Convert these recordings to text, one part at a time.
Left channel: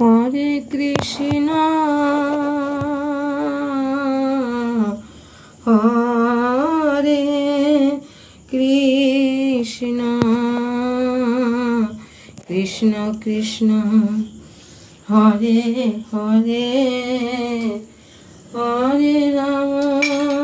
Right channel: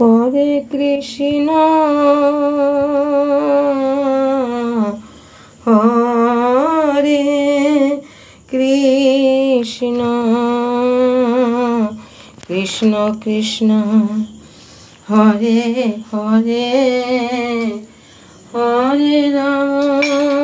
हरे कृष्ण हरे कृष्ण कृष्ण कृष्ण हरे हरे हरे राम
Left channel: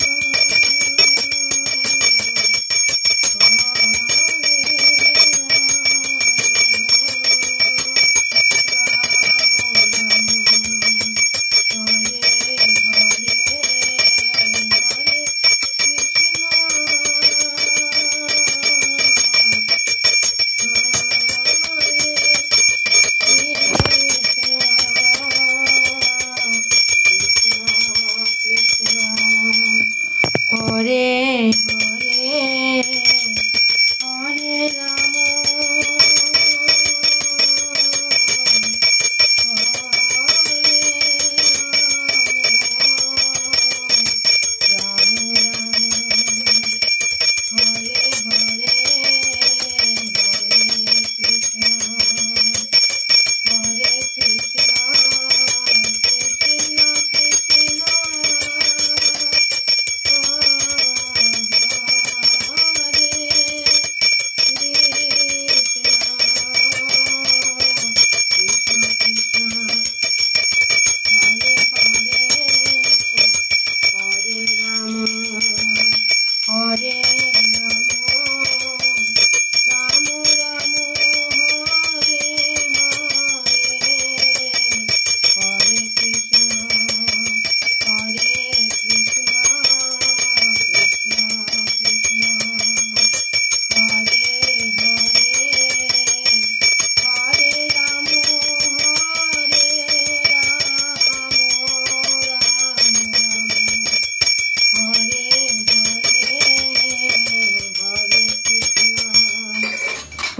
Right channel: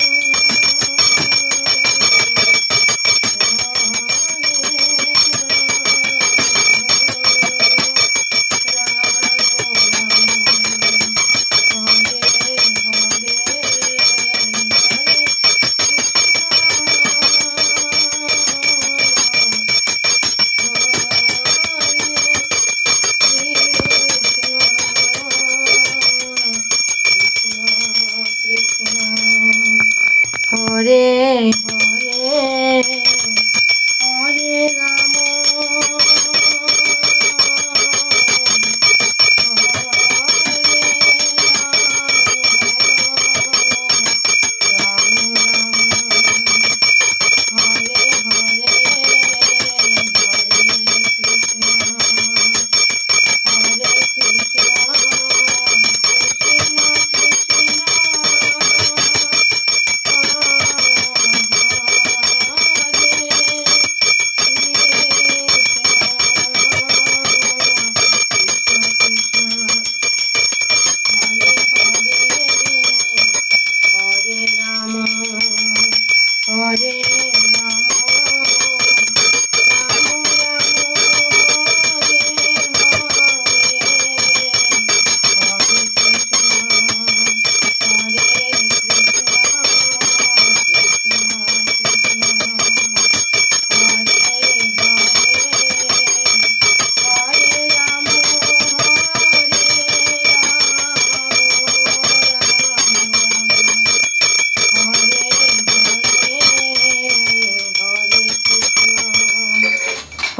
हरे हरे हरे राम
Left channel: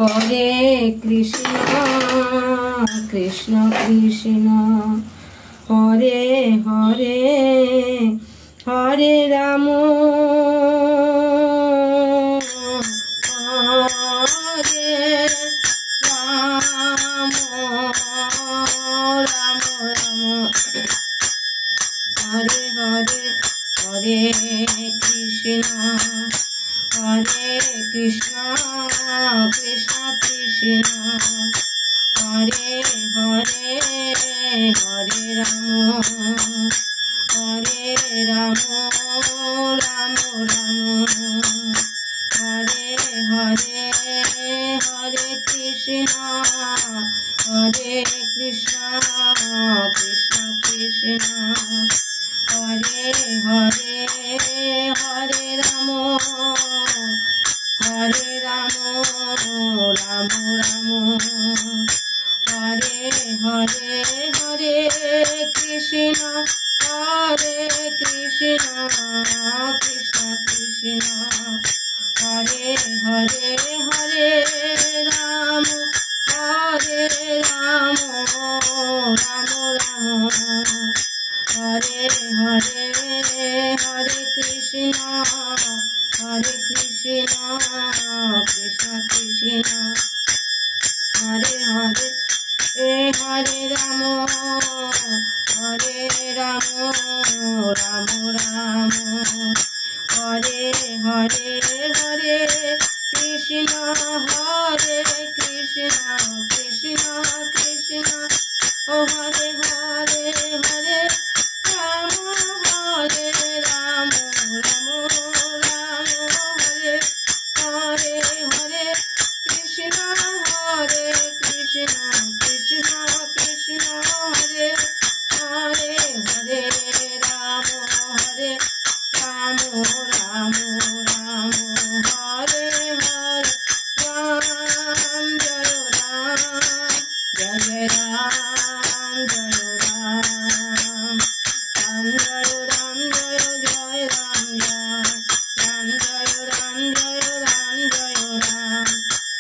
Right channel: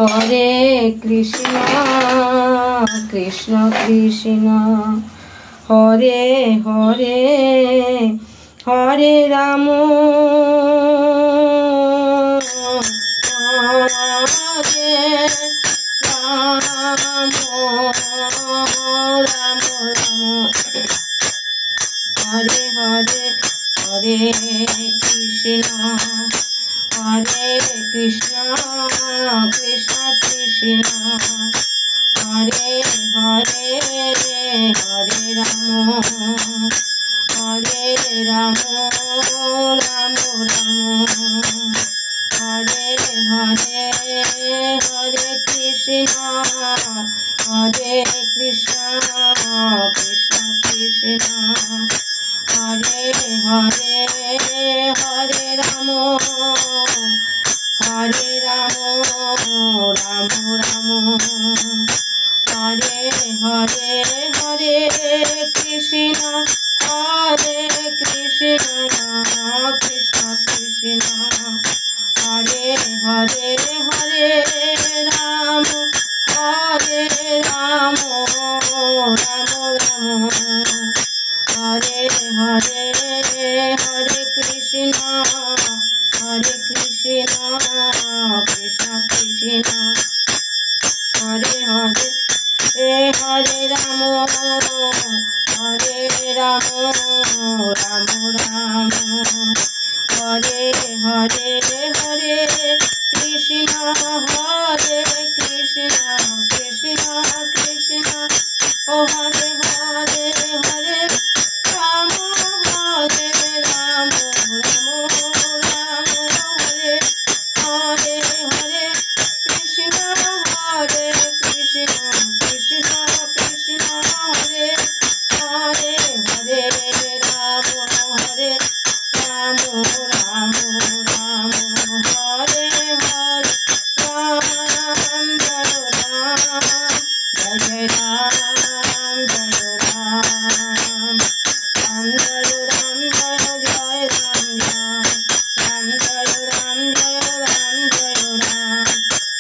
हरे कृष्ण कृष्ण कृष्ण हरे हरे हरे राम हरे राम हरे हरे हरे कृष्ण कृष्ण कृष्ण हरे हरे हरे राम राम राम हरे हरे हरे कृष्ण कृष्ण कृष्ण हरे हरे हरे राम राम राम हरे हरे हरे कृष्ण कृष्ण कृष्ण हरे हरे हरे राम राम राम हरे हरे हरे कृष्ण कृष्ण कृष्ण हरे हरे हरे राम राम राम हरे हरे हरे कृष्ण कृष्ण कृष्ण ओ हरे हरे हरे राम राम हरे हरे हरे कृष्ण कृष्ण कृष्ण हरे हरे हरे राम राम हरे हरे राम जय राम राम जय राम जय राम राम जय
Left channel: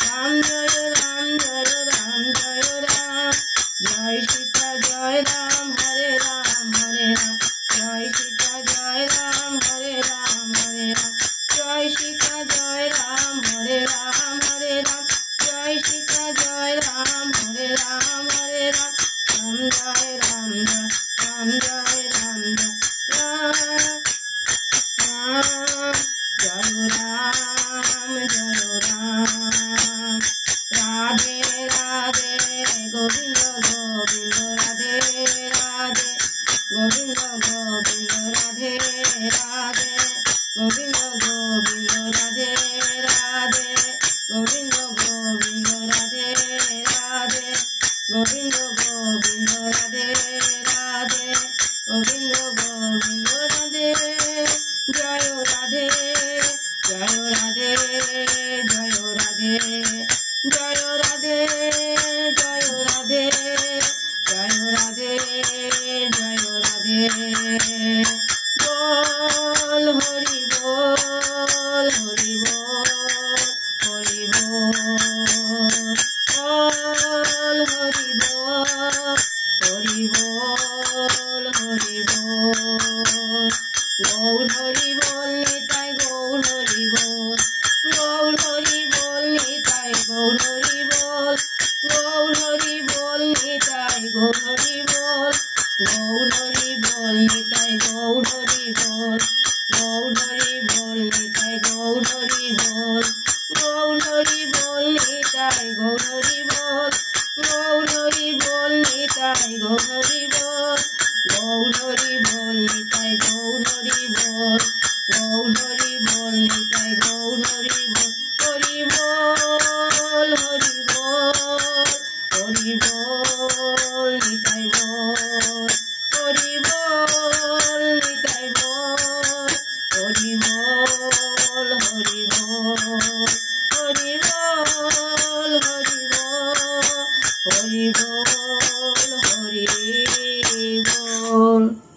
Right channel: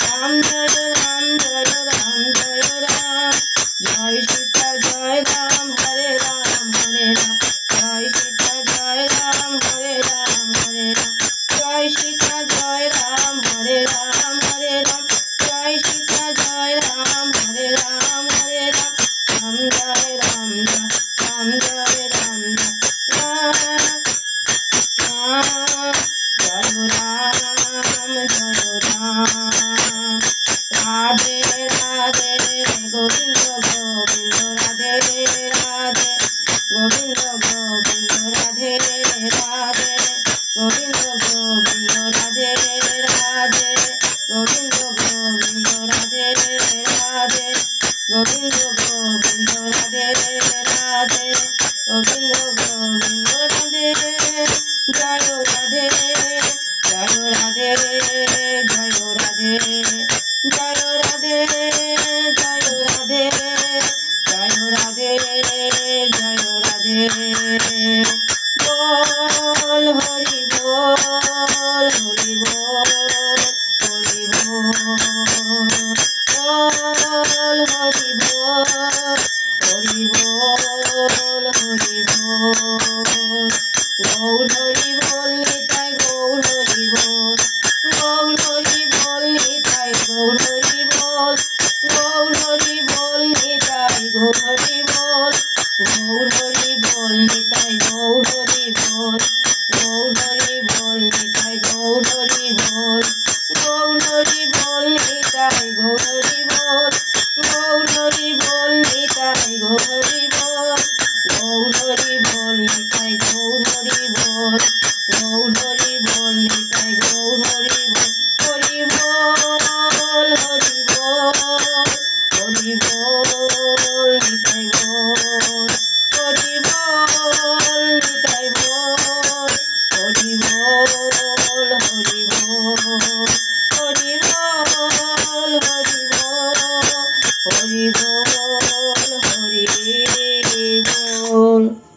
राम जय राम राम जय राम जय राम जय सीता जय राम हरे राम जय सीता जय राम हरे राम जय सीता जय राम हरे राम जय सीता जय राम हरे राम গোবিন্দ রাধে রাধে গোবিন্দ গোবিন্দ রাধে রাধে গোবিন্দ গোবিন্দ রাধে রাধে গোবিন্দ গোবিন্দ রাধে রাধে গোবিন্দ গোবিন্দ রাধে রাধে গোবিন্দ গোবিন্দ রাধে জয় রাধে জয় রাধে জয় রাধে জয় রাধে জয় রাধে জয় রাধে জয় রাধে বল হরি বল হরি বল হরি বল বল হরি বল হরি বল হরি বল গৌর হরি বল নিতাই গৌর হরি বল গৌর হরি বল নিতাই গৌর হরি বল গৌর হরি বল নিতাই গৌর হরি বল গৌর হরি বল নিতাই গৌর হরি বল গৌর হরি বল নিতাই গৌর হরি বল গৌর হরি বল নিতাই গৌর হরি বল গৌর হরি বল নিতাই গৌর হরি বল গৌর হরি বল নিতাই গৌর হরি বল গৌর হরি বল নিতাই গৌর হরি বল হরি বল হরি বল হরি বল নিতাই বল হরি বল নিতাই বল হরি বল হরি বল হরি বল হরি বল হরি বল হরি বল।